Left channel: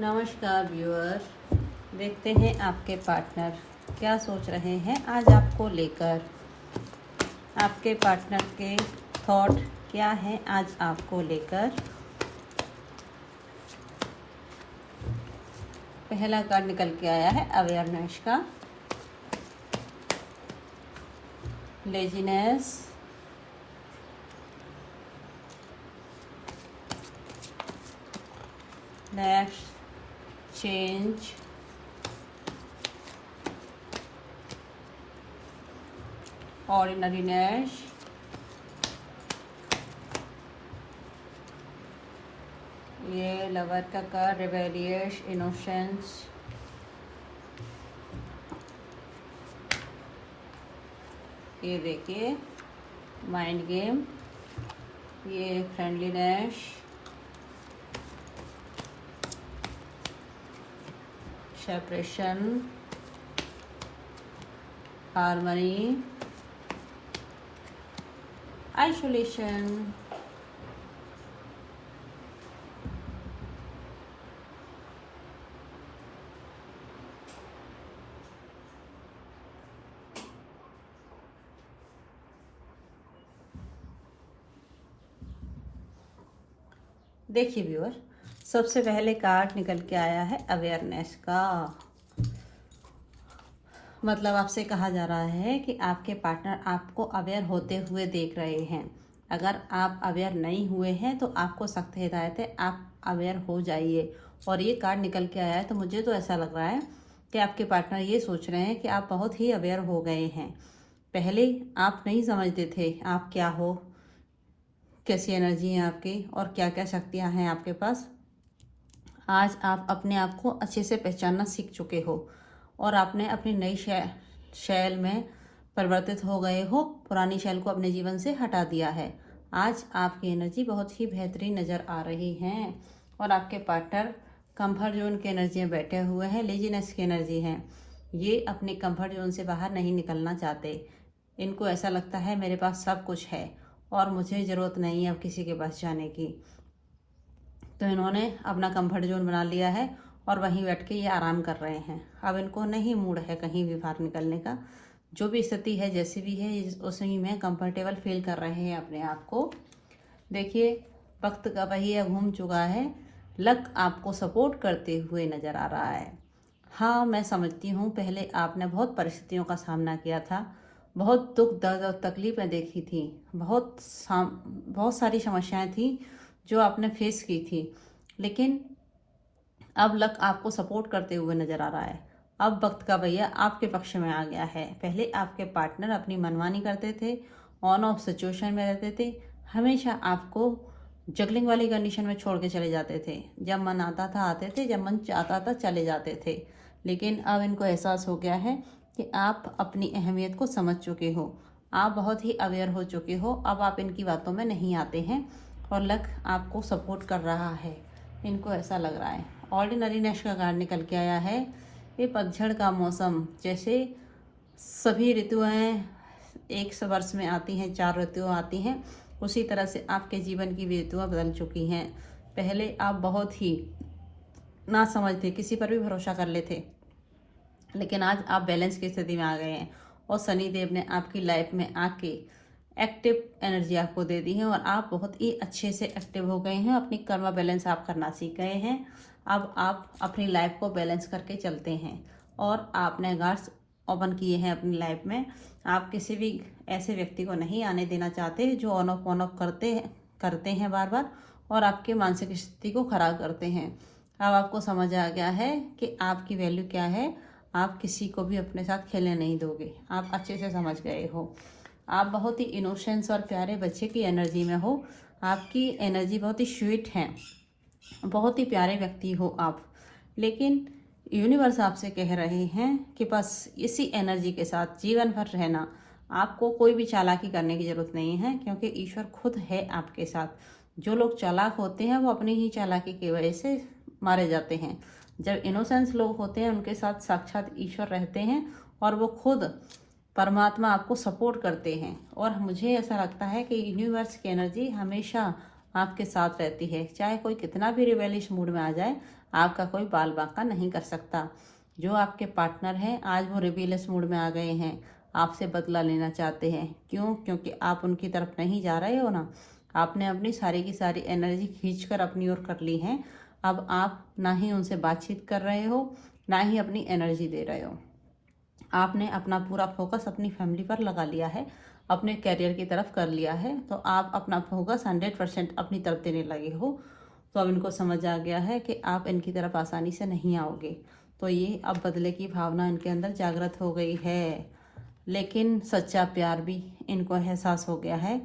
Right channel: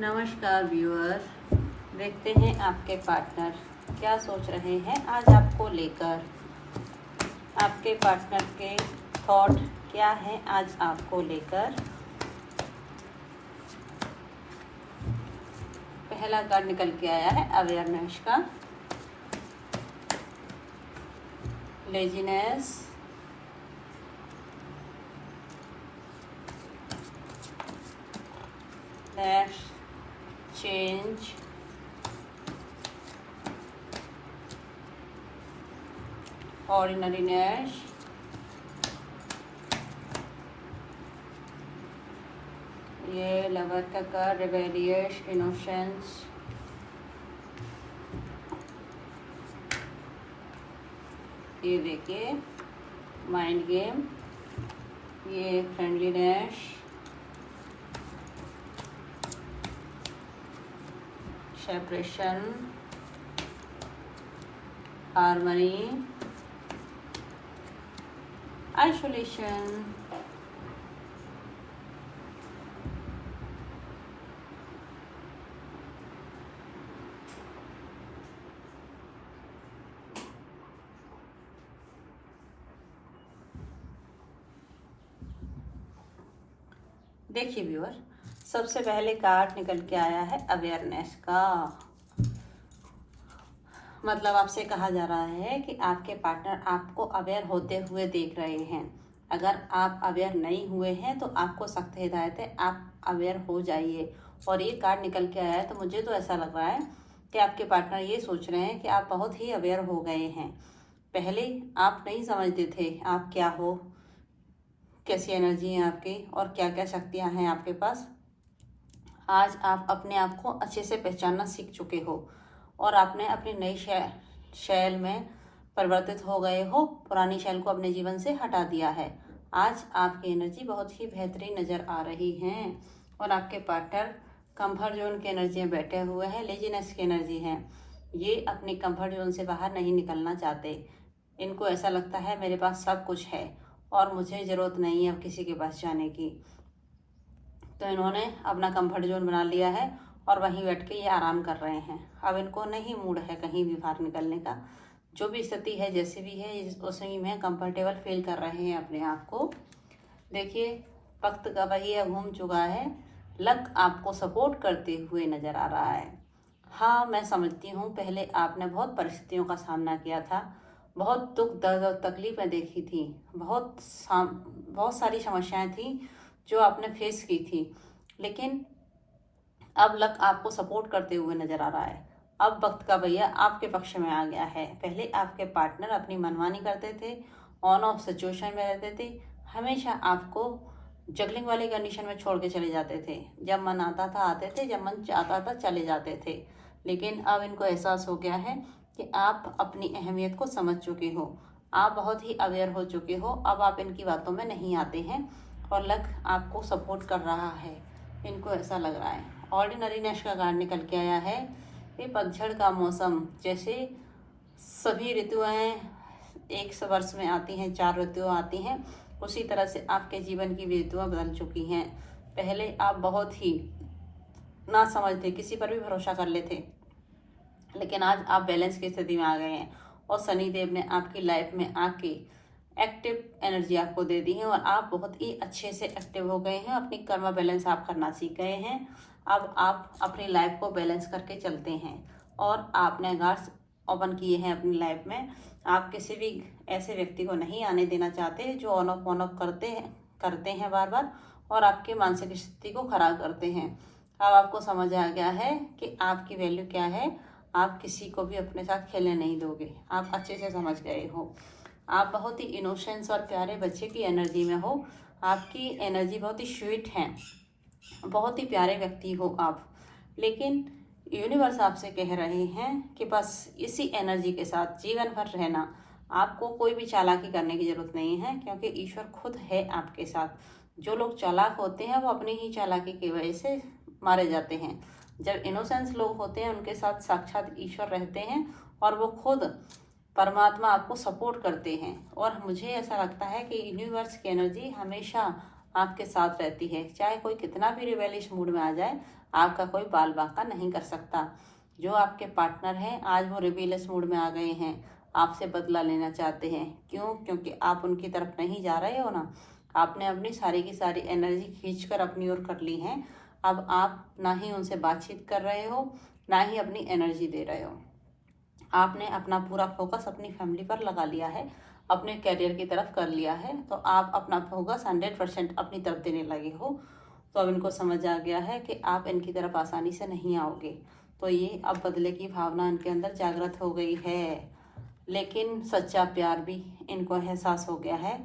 नमस्कार व्यूअर, देखते हैं आपके पार्टनर क्या सोच रहे हैं आज आपको लेकर। आपके पार्टनर के थॉट क्या है आज आपको लेकर। पहला कार्ड निकल के आया है अवेयरनेस का, लेजीनेस, नेक्स्ट चेंज, ऑर्डिनरीनेस, ये लवर का कार्ड रिबेलियस, इनोसेंस, ये देखिए माइंड गेम, ये फ्रेंडलीनेस, सेपरेशन, हार्मनी, आइसोलेशन। देखिए व्यूअर, सबसे पहले कार्ड निकल के आया है अवेयरनेस का। मतलब आपसे कहा जा रहा है कि आपके पार्टनर आपको अवेयर होते हुए देख रहे हैं। अगर आप अवेयर नहीं हुए हैं तो आपको सख्त हिदायत है, आप अवेयर हो जाइए। और ये कार्ड निकल के आया है तो मुझे तो ऐसा लग रहा है कि आपके पार्टनर ये सोच रहे हैं कि आप बहुत ही अवेयर हो गए हैं। पहले आप नहीं समझते थे आप क्या हो, कैसी एनर्जी है आपकी और क्या क्या शक्तियाँ हैं आपके पास। आज आप अपने आप को अच्छे से पहचानना सीख चुके हो और आपने अपनी नई शैल में परिवर्तित हो गए हो। पुरानी शैल को अपने जीवन से हटा दिया है। आज आपकी एनर्जी बहुत ही बेहतरीन नज़र आ रही है और आपके पार्टनर कंफर्ट जोन की एनर्जी में बैठे हुए हैं, लेजीनेस की एनर्जी है। ये अपने कंफर्ट जोन से बाहर नहीं निकलना चाहते। इनको ऐसा लगता है मेरे पास सब कुछ है और मुझे ज़रूरत नहीं है अब किसी के पास जाने की। तो इन्होंने अपना कंफर्ट जोन बना लिया है और वहीं बैठ के ये आराम कर रहे हैं। अब इनको नहीं मूड है कहीं भी बाहर निकलने का। जो भी स्थिति है जैसी भी है उसी में कंफर्टेबल फील कर रहे हैं अपने आप को। देखिए वक्त का पहिया घूम चुका है। लक आपको सपोर्ट करते हुए नजर आ रहा है। हाँ, मैं समझती हूँ पहले आपने बहुत परिस्थितियों का सामना किया था, बहुत दुख दर्द और तकलीफें देखी थी, बहुत सारी समस्याएं थी जो आपने फेस की थी। लेकिन अब लक आपको सपोर्ट करते हुए नजर आ रहा है। अब वक्त का भैया आपके पक्ष में आ गया है। पहले आपके पार्टनर अपनी मनमानी करते थे, ऑन ऑफ सिचुएशन में रहते थे, हमेशा आपको जगलिंग वाली कंडीशन में छोड़ के चले जाते थे। जब मन आता था आते थे, जब मन चाहता था चले जाते थे। लेकिन अब इनको एहसास हो गया है कि आप अपनी अहमियत को समझ चुके हो, आप बहुत ही अवेयर हो चुके हो। अब आप इनकी बातों में नहीं आते हैं और लक आपको सपोर्ट कर रहा है, इनको ऐसा लग रहा है। ऑर्डिनरीनेस का कार्ड निकल के आया है। ये पतझड़ का मौसम, जैसे सभी ऋतुएं एक वर्ष में आती हैं, 4 ऋतुएं आती हैं, उसी तरह से आपके जीवन की भी ऋतुएं बदल चुकी हैं। पहले आप बहुत ही ना समझते, किसी पर भी भरोसा कर लेते, लेकिन आज आप बैलेंस की स्थिति में आ गए हैं और शनि देव ने आपकी लाइफ में आके एक्टिव एनर्जी आपको दे दी है और आप बहुत ही अच्छे से एक्टिव हो गए हैं। अपनी कर्म बैलेंस आप करना सीख गए हैं। अब आप अपनी लाइफ को बैलेंस करके चलते हैं और आपने गार्ड्स ओपन किए हैं अपनी लाइफ में। आप किसी भी ऐसे व्यक्ति को नहीं आने देना चाहते जो ऑन ऑफ करते हैं बार बार और आपके मानसिक स्थिति को खराब करते हैं। अब आपको समझ आ गया है कि आपकी वैल्यू क्या है। आप किसी को भी अपने साथ खेलने नहीं दोगे, आप अच्छे से समझ गए हो। आप बहुत ही इनोसेंस और प्यारे बच्चे की एनर्जी में हो। आपकी एनर्जी बहुत ही स्वीट है, बहुत ही प्यारे व्यक्ति हो आप। लेकिन यूनिवर्स आपसे कह रहे हैं कि बस इसी एनर्जी के साथ जीवन भर रहना। आपको कोई भी चालाकी करने की जरूरत नहीं है क्योंकि ईश्वर खुद है आपके साथ। जो लोग चालाक होते हैं वो अपनी ही चालाकी की वजह से मारे जाते हैं। जब इनोसेंस लोग होते हैं उनके साथ साक्षात ईश्वर रहते हैं और वो खुद परमात्मा आपको सपोर्ट करते हैं। और मुझे ऐसा लगता है कि यूनिवर्स की एनर्जी हमेशा आपके साथ रहती है। चाहे कोई कितना भी रिबेलिश मूड में आ जाए, आपका कोई बाल बांका नहीं कर सकता। जो आपके पार्टनर हैं, आज वो रिबेलियस मूड में आ गए हैं, आपसे बदला लेना चाहते हैं। क्यों? क्योंकि आप उनकी तरफ नहीं जा रहे हो ना। आपने अपनी सारी की सारी एनर्जी खींचकर अपनी ओर कर ली है। अब आप ना ही उनसे बातचीत कर रहे हो, ना ही अपनी एनर्जी दे रहे हो। आपने अपना पूरा फोकस अपनी फैमिली पर लगा लिया है, अपने करियर की तरफ कर लिया है। तो आप अपना फोकस 100% अपनी तरफ देने लगे हो। तो अब इनको समझ आ गया है कि आप इनकी तरफ आसानी से नहीं आओगे। तो ये अब बदले की भावना इनके अंदर जागृत हो गई है। लेकिन सच्चा प्यार भी इनको एहसास हो गया है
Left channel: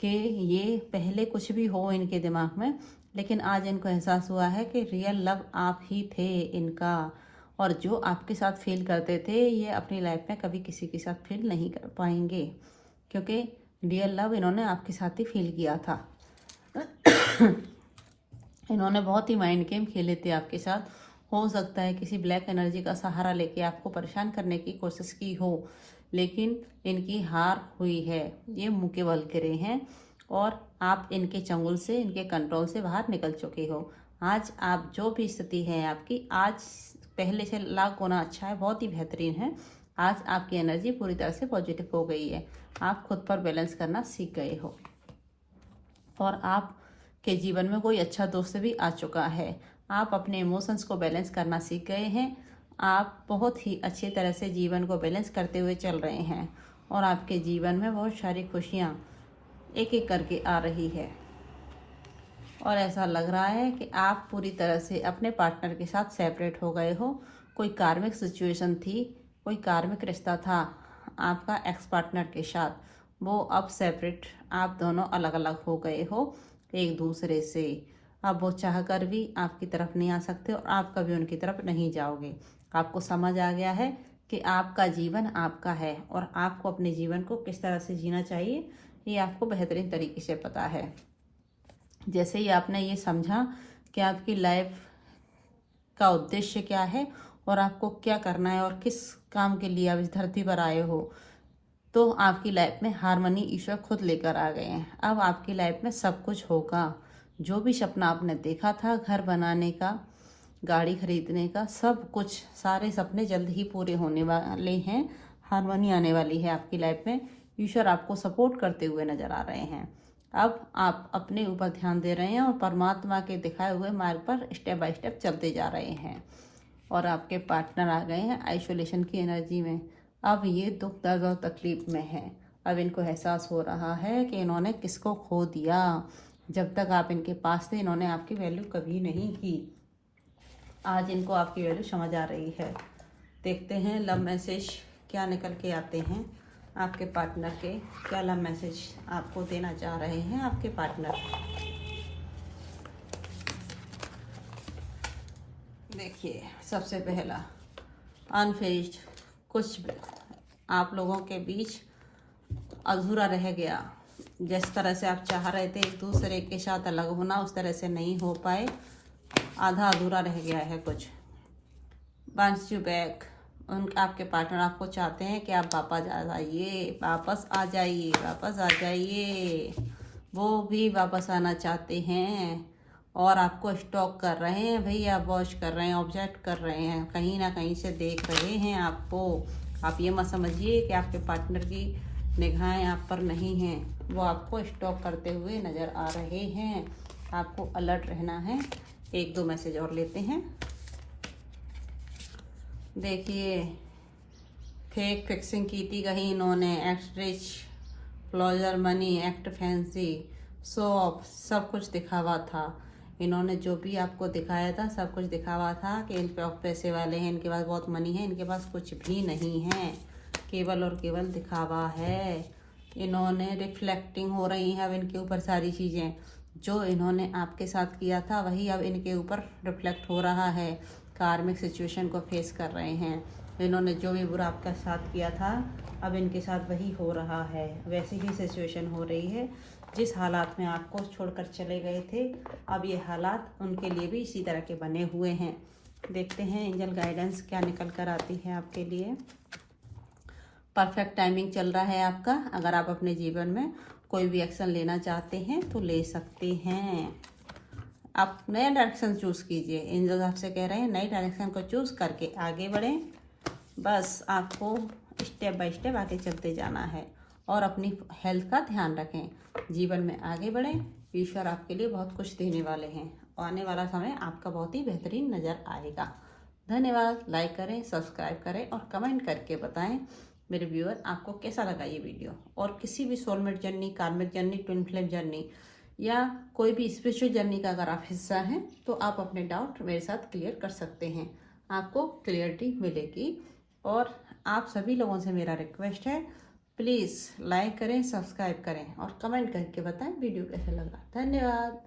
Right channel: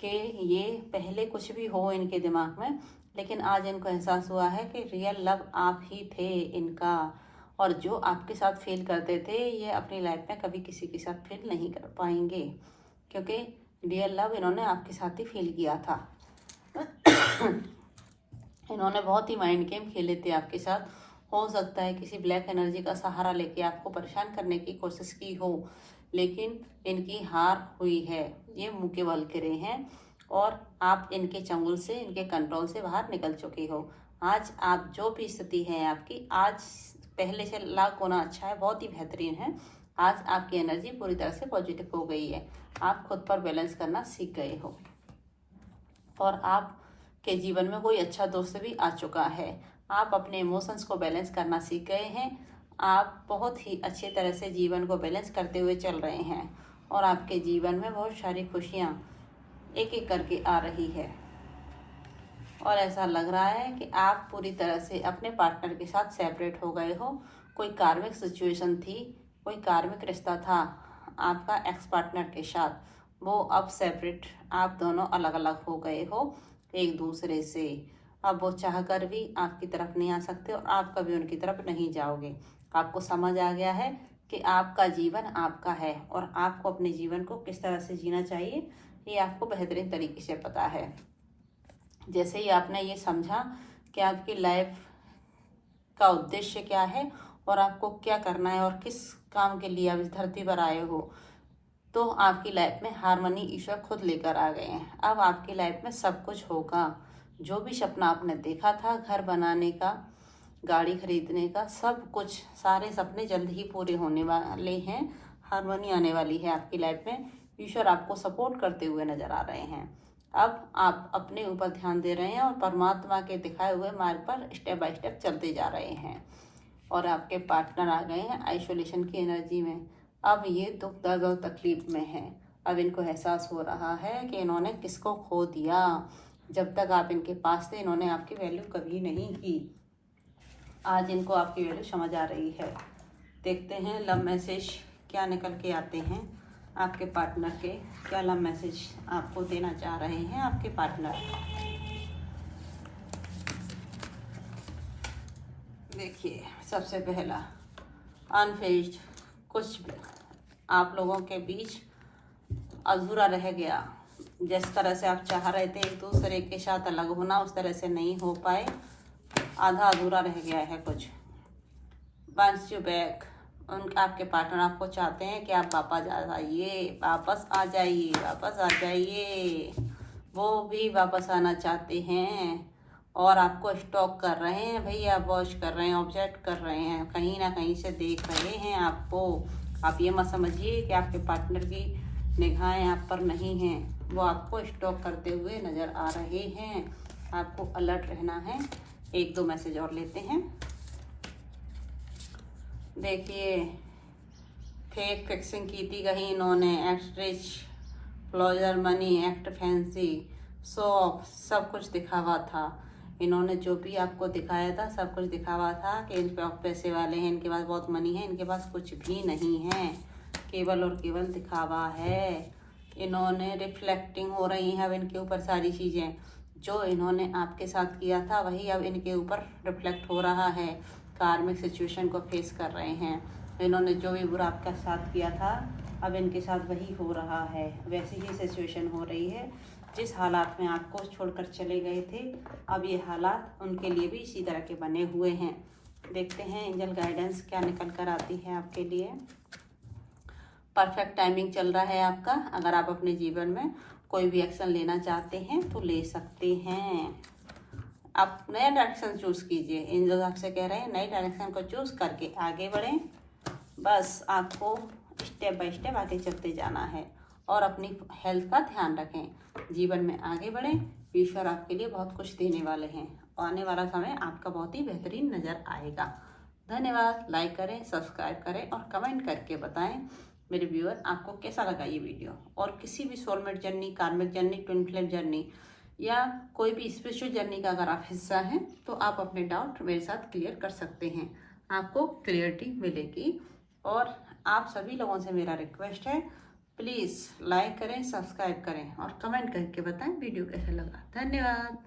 कि ये पहले कुछ भी हो इनके दिमाग में, लेकिन आज इनको एहसास हुआ है कि रियल लव आप ही थे इनका। और जो आपके साथ फील करते थे, ये अपनी लाइफ में कभी किसी के साथ फील नहीं कर पाएंगे, क्योंकि रियल लव इन्होंने आपके साथ ही फील किया था। इन्होंने बहुत ही माइंड गेम खेले थे आपके साथ। हो सकता है किसी ब्लैक एनर्जी का सहारा लेके आपको परेशान करने की कोशिश की हो, लेकिन इनकी हार हुई है। ये मुंह के बल गिरे हैं और आप इनके चंगुल से, इनके कंट्रोल से बाहर निकल चुके हो। आज आप जो भी स्थिति है आपकी, आज पहले से लाख गुना अच्छा है, बहुत ही बेहतरीन है। आज आपकी एनर्जी पूरी तरह से पॉजिटिव हो गई है। आप खुद पर बैलेंस करना सीख गए हो और आपके जीवन में कोई अच्छा दोस्त भी आ चुका है। आप अपने इमोशंस को बैलेंस करना सीख गए हैं। आप बहुत ही अच्छी तरह से जीवन को बैलेंस करते हुए चल रहे हैं और आपके जीवन में बहुत सारी खुशियाँ एक एक करके आ रही है। और ऐसा लग रहा है कि आप पूरी तरह से अपने पार्टनर के साथ सेपरेट हो गए हो। कोई कार्मिक सिचुएशन थी, कोई कार्मिक रिश्ता था आपका एक्स पार्टनर के साथ, वो अब सेपरेट, आप दोनों अलग अलग हो गए हो एक दूसरे से। अब वो चाह कर भी आपकी तरफ नहीं आ सकते और आप कभी उनकी तरफ नहीं जाओगे। आपको समझ आ गया है कि आपका जीवन आपका है और आपको अपने जीवन को किस तरह से जीना चाहिए, ये आपको बेहतरीन तरीके से पता है। जैसे ही आपने ये समझा कि आपकी लाइफ का उद्देश्य क्या है और आपको क्या करना है और किस काम के लिए आप इस धरती पर आए हो, तो आपकी लाइफ में हार्मनी ईश्वर खुद लेकर आ गए हैं। अब आपकी लाइफ में सब कुछ होगा। जो भी सपना आपने देखा था, घर बनाने का, गाड़ी खरीदने का, सब कुछ, सारे सपने जल्द ही पूरे होने वाले हैं। हार्मनी आने वाली है आपकी लाइफ में। ईश्वर आपको सपोर्ट करते हुए नजर आ रहे हैं। अब आप अपने ऊपर ध्यान दे रहे हैं और परमात्मा के दिखाए हुए मार्ग पर स्टेप बाय स्टेप चलते जा रहे हैं। और आपके पार्टनर आ गए हैं आइसोलेशन की एनर्जी में। अब ये दुख दर्द और तकलीफ में है। अब इनको एहसास हो रहा है कि इन्होंने किसको खो दिया। जब तक आप इनके पास थे, इन्होंने आपकी वैल्यू कभी नहीं की। आज इनको आपकी वैल्यू समझ आ रही है। देखते हैं लव मैसेज क्या निकल के आते हैं आपके पार्टनर के। क्या लव मैसेज आपको देना चाह रहे हैं आपके पार्टनर। देखिए, सबसे पहला अनफिनिश्ड, कुछ आप लोगों के बीच अधूरा रह गया। जिस तरह से आप चाह रहे थे एक दूसरे के साथ अलग होना, उस तरह से नहीं हो पाए, आधा अधूरा रह गया है कुछ। वांट्स यू बैक, आपके पार्टनर आपको चाहते हैं कि आप वापस आ जाइए, वापस आ जाइए, वापस आ जाइए। वो भी वापस आना चाहते हैं और आपको स्टॉक कर रहे हैं भैया, वॉच कर रहे हैं, ऑब्जर्व कर रहे हैं, कहीं ना कहीं से देख रहे हैं आपको। आप ये मत समझिए कि आपके पार्टनर की निगाहें आप पर नहीं हैं, वो आपको स्टॉक करते हुए नजर आ रहे हैं। आपको अलर्ट रहना है। एक दो मैसेज और लेते हैं। देखिए, फेक फिक्सिंग की थी कहीं इन्होंने, act rich, closer money, act fancy, shop, सब कुछ दिखावा था। इन्होंने जो भी आपको दिखाया था सब कुछ दिखावा था कि इन पे पैसे वाले हैं, इनके पास बहुत मनी है, इनके पास कुछ भी नहीं है, केवल और केवल दिखावा है। इन्होंने रिफ्लेक्टिंग हो रही है अब इनके ऊपर सारी चीज़ें। जो इन्होंने आपके साथ किया था वही अब इनके ऊपर रिफ्लेक्ट हो रहा है। कार्मिक सिचुएशन को फेस कर रहे हैं। इन्होंने जो भी बुरा आपका साथ किया था, अब इनके साथ वही हो रहा है, वैसी ही सिचुएशन हो रही है। जिस हालात में आपको छोड़कर चले गए थे, अब ये हालात उनके लिए भी इसी तरह के बने हुए हैं। देखते हैं एंजल गाइडेंस क्या निकल कर आती है आपके लिए। परफेक्ट टाइमिंग चल रहा है आपका। अगर आप अपने जीवन में कोई भी एक्शन लेना चाहते हैं तो ले सकते हैं। आप नया डायरेक्शन चूज कीजिए। एंजल आपसे कह रहे हैं नई डायरेक्शन को चूज करके आगे बढ़ें। बस आपको स्टेप बाय स्टेप आगे चलते जाना है और अपनी हेल्थ का ध्यान रखें। जीवन में आगे बढ़ें। ईश्वर आपके लिए बहुत कुछ देने वाले हैं। आने वाला समय आपका बहुत ही बेहतरीन नजर आएगा। धन्यवाद। लाइक करें, सब्सक्राइब करें और कमेंट करके बताएं मेरे व्यूअर आपको कैसा लगा ये वीडियो। और किसी भी सोलमेट जर्नी, कार्मिक जर्नी, ट्विन फ्लेम जर्नी या कोई भी स्पिरिचुअल जर्नी का अगर आप हिस्सा हैं तो आप अपने डाउट मेरे साथ क्लियर कर सकते हैं। आपको क्लियरिटी मिलेगी। और आप सभी लोगों से मेरा रिक्वेस्ट है, प्लीज़ लाइक करें, सब्सक्राइब करें और कमेंट करके बताएं वीडियो कैसा लगा। धन्यवाद।